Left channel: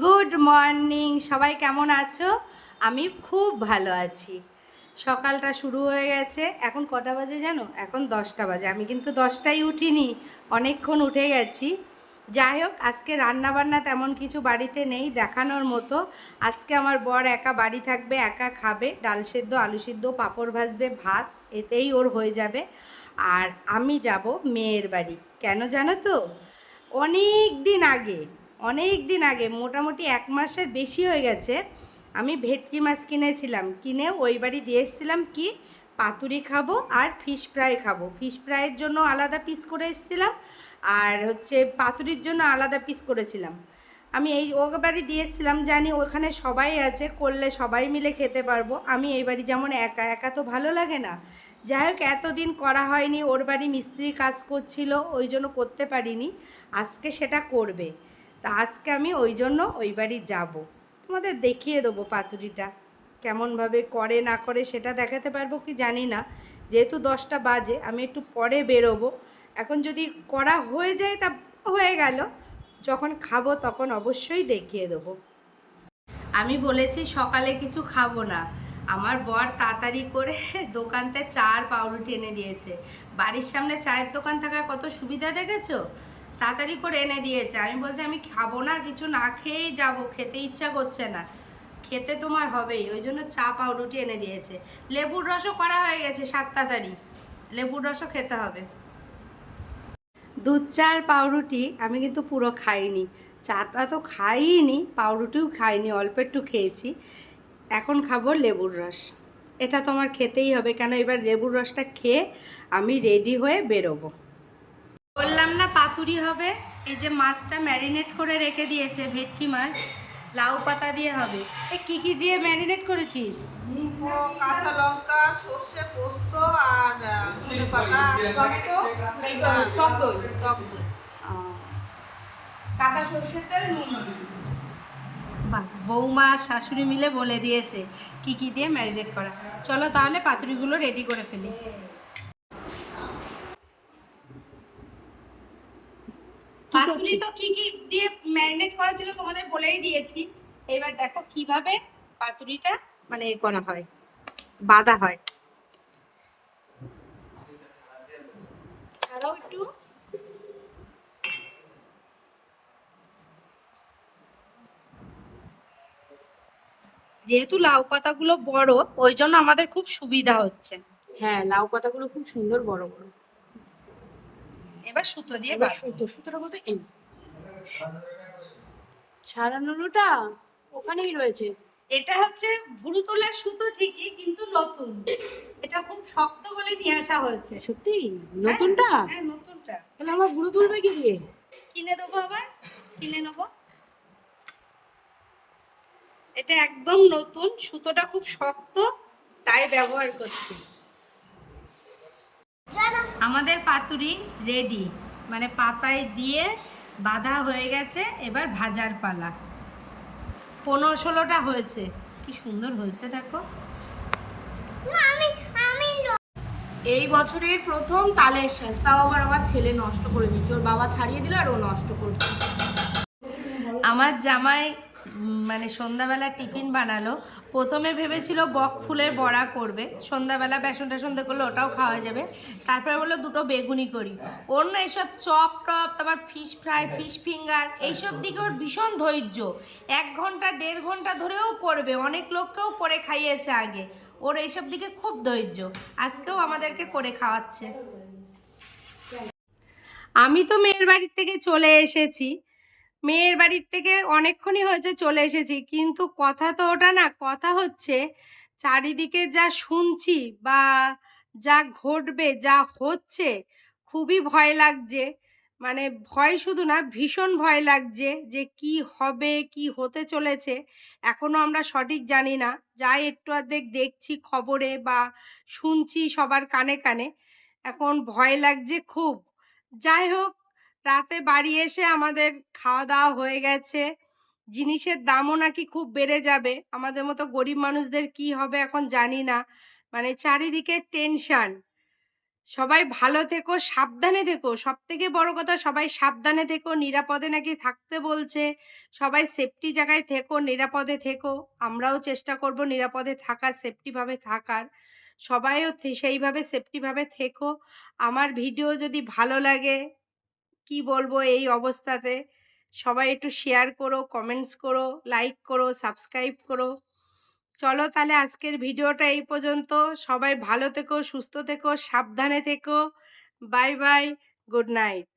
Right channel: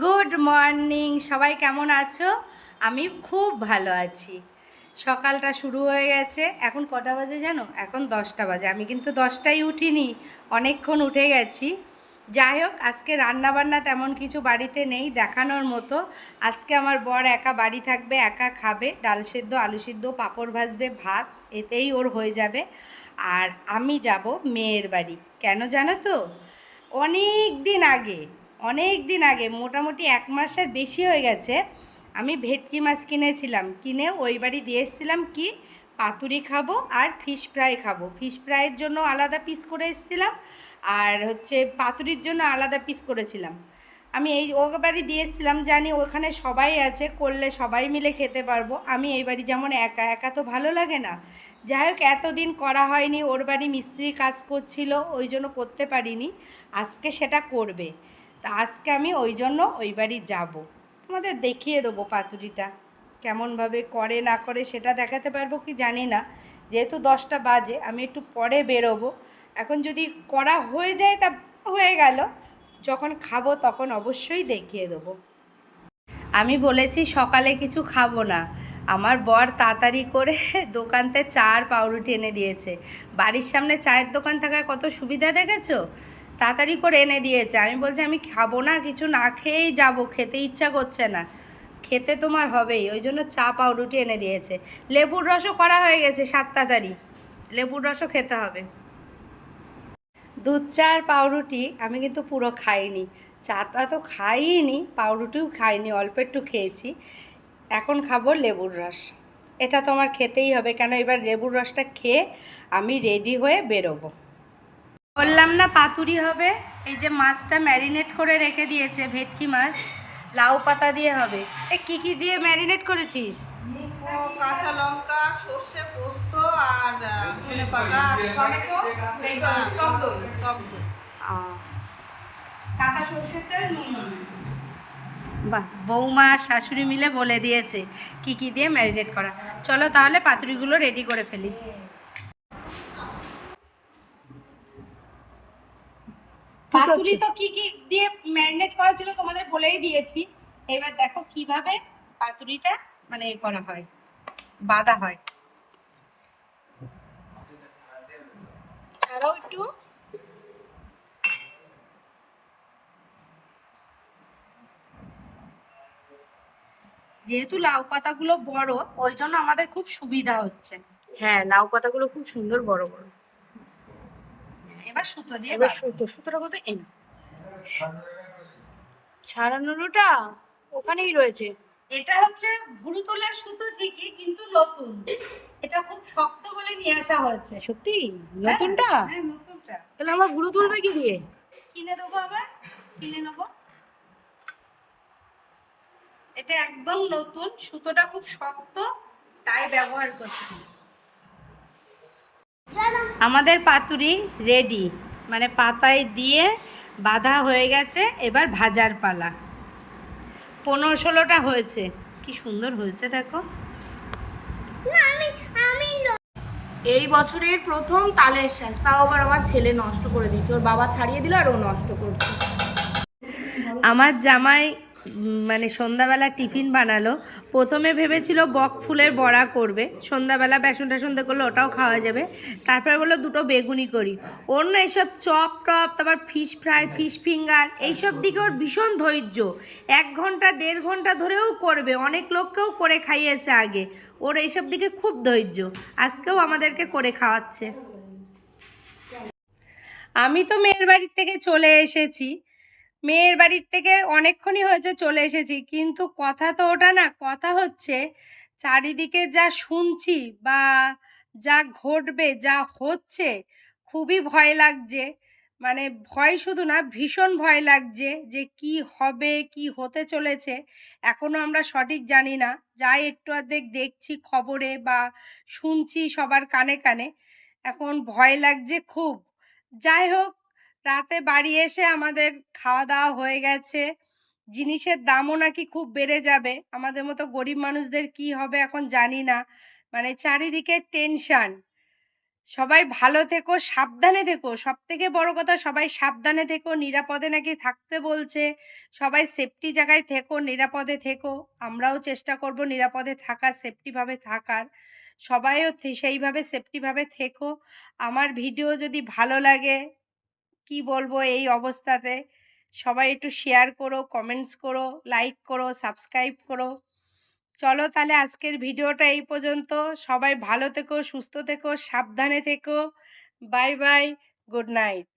Good morning সবাই কেমন আছো? আমি খুব ভালো আছি। সকালটা শুরু হয়ে গেছে। এখন কটা বাজে জানো? এখন দশটা বাজে। আমি কিন্তু দশটায় উঠিনি, অনেকক্ষণ উঠে গেছি। যাই হোক, আজকে রান্না বান্না তেমন কিছু বাড়িতে নেই, দেখানোর মতো। আজকে আমার বর একা বাড়ি থাকবে, একা খাবে। ডাল সেদ্ধ, আলু সিদ্ধ, পাঁপড় ভাজবে, ভাত, এতেই ওর হয়ে যাবে। আর আমি যাব মেয়ের বাড়ি। কেন জানো তো? অনেক দিন আগে অনেক দিন আগে, মোটামুটি এক মাসের বেশি হয়ে গেছে, আমি ভেটকি মাছ কিনেছিলাম। কিনে ওই বাড়ি দিয়ে এসেছিলাম কি, পাতুরি খাব আর ফিশ ফ্রাই খাব। ফিশ ফ্রাইয়ের জন্য আলাদা পিস করে এসেছিলাম আর হচ্ছে পাতুরির জন্য আলাদা পিস করেছিলাম। আমি এই ও বাড়ি দিয়ে এসেছিলাম, জানি ওখানে সবাই আছে, করলে সবাই মিলে খেতে পারব। আমি এই বাড়ি যেমন একা একা তো ভালো লাগে না। যাই হোক, এতদিন করা হয়নি, ওর বাড়ি মিস্ত্রি কাজ করছিল, ওই জন্য করতে পারিনি। আজকে সেটা করবে। তা আজকে আমি ওই জন্য ওই বাড়ি যাব। তোমাদের দেখিয়ে দেবো পাতুরিটা। কেমনভাবে করে, না করে সেটা দেখাতে পারব কি জানি না। যেহেতু দশটা বাজে, আমি একটু পরে বেরোবো। এখন যদি করা হয়ে যায় তা হয়ে গেল। যখন খাব তখন অবশ্যই দেখিয়ে দেবো। আমি বলেছি সকালে কিছু খাব না। আমার বর তাড়াতাড়ি করে দোকানতে চার পাউরুটি এনে দিয়েছে। বাড়ির সামনে চায়ের দোকান থাকার কত সুবিধা দেখেছ? তাড়াতাড়ি করে এনে দিয়েছে। আমি বলছি, আমি খাব না, কিছু না খেয়েই যাব, খেতে ইচ্ছা করছে না। খেতে তোমার হবেই। ওই জন্য চা, পাউরুটি এনে দিয়েছে। লেবুর রসও করা হয়ে গেছে সাত তাড়াতাড়ি। লেবুর রসও খেতে হবে। দুধ, চা আর পাউরুটি আমি কিন্তু পুরো খাইনি। চাটা তো খাইনি পাউরুটিও খাইনি, অল্প একটু খেয়েছি। এখন খাব লেবুর রস। এটা তো আমার খেতেই হবে। কেন, এবার লেবুর রসটা খেয়ে আমি রেডি হয়ে বেরোবো। বললাম না পাতুরি হবে। এই যে মাছটা ম্যারিনেট করে রেখে দিয়েছে ভেটকি মাছ লাউ পাতা দিয়ে হবে। এ কি কি দিয়ে ম্যারিনেট করেছিস? কাঁচা লঙ্কা সর্ষে পোস্ত আর ধনে পাতা টমেটো টক দই। কাঁচা সর্ষের তেল নুন বাহ বৌমা আর শাশুড়ি মিলে বলে দিয়েছে কি কি দিয়ে ম্যারিনেট করা। চলো তাহলে পাতুরিগুলো রেডি করে ফেলি। পাতুরি তো কি কি দিয়ে ম্যারিনেট করা ছিল তোমাদের বলেই দিয়েছি। এবার দেখো কীভাবে পাতুরিটা মানে এ করা হয় বাঁধা হয়। একটু। যেহেতু লাউ পাতাগুলো বড় ওই জন্য আমাদের খুব সুবিধা হচ্ছে। হ্যাঁ লাউ পাতাগুলো খুব সুন্দর বড় বড়। এবার সুতো দিয়ে এবার সুতো সুতোটা কত এই নাও। ছাড়ানোটা ওখানেই রয়েছে। এটা হচ্ছে ভুরু তোলার সুতো ঠিকই কিন্তু নতুন। এটা খুব শক্ত বলে নিয়ে আসা হয়েছে। সত্যি? নতুনটা? হ্যাঁ, হ্যাঁ নতুনটা। তাহলে আমার গুরু তুলবে কি দিয়ে? কিনে দেবো আবার? কিনে নেব? এটা একদম নতুন সুতোটা খুব শক্ত তাই ব্যবহার করছি। আমাদের পাতুরি রেডি মানে পাতায় দিয়ে বাঁধা হয়ে গেছে এবার ভাজার পালা। পনেরো ষোলোটা হয়েছে। কি সুন্দর হয়েছে দেখো। এই বছরের প্রথম তালের শ্বাস তাও আবার আমার ছেলে নষ্ট করে দিচ্ছে ওর বাবা ছাড়িয়ে দিল আর ও নষ্ট করছে। আমার জামাই মানে সন্ধ্যাবেলা টিফিন বানালো। প্রথমে ভেবেছিল বক ফুলের বড়া করবে। সন্ধ্যাবেলা বেসন টেসন করলে ওটাও খাওয়া যাবে। তারপরে বলল দুটো বেগুনি করি। ওর না এইসব চপ টপ, তারপর ফিশ ফ্রাই ফিশ ফিঙ্গার এইসব দিকে ওর ভীষণ ধৈর্য। এক ঘণ্টা, দেড় ঘণ্টা ধরেও করবে। অনেক লোককেও করে খাইয়েছে আগে। ওর এইসব দিকে খুব ধৈর্য। আজকেও আমাদেরকে করে খাওয়াচ্ছে। আমি তো মেয়ের বাড়ির থেকে চলে এসেছি। মেয়ের বাড়ির থেকে অনেকক্ষণই হয়েছে চলে এসেছি। কিন্তু কথা তো ওটা না, কথা হচ্ছে চারিদিকে যা শুনছি বা যা ঘটবে, যা হচ্ছে খুবই ভয় লাগছে। মানে ভয় শুধু না, ভীষণ ভয় লাগছে যে কি হবে, কি হতে চলেছে। এখনও আমরা সঠিক জানি না। যাই একটু অর্ধেক দেখছি খবরে বা শুনছি সবার কানে কানে। এখন ভয় লাগছে খুব। যাই হোক রাতে বাড়ি এসে আমাদের খাওয়া দাওয়া হয়ে গেছে। জিনিসের দামও নাকি খুব বেড়ে যাবে। আমাদের মতো গরিব মানুষদের কি হবে এখন জানি না। মানে চারিদিকে টেনশন। সবাই ভালো থেকো, সাবধানে থেকো। সব থেকে বড় কথা, সবাই সাবধানে থেকো। নিরাপদে নাকি থাকতে বলছে। সবাই সেফটি জায়গায় থেকো, নিরাপদে থেকো। আমরাও চেষ্টা করব নিরাপদে থাকার সেফটিভাবে থাকার। সবাইও সেইভাবে সেফটিভাবে থেকো। আমার ভিডিও যদি ভালো লাগে কি বলব এই অবস্থাতে? সবাই একটু শেয়ার করো কমেন্টস করো লাইক করো সাবস্ক্রাইব করো। চলো তাহলে আজকের ভিডিওটা এই পর্যন্ত। সবাই ভালো থেকো, সুস্থ থেকো, সাবধানে থেকো। Bye bye good night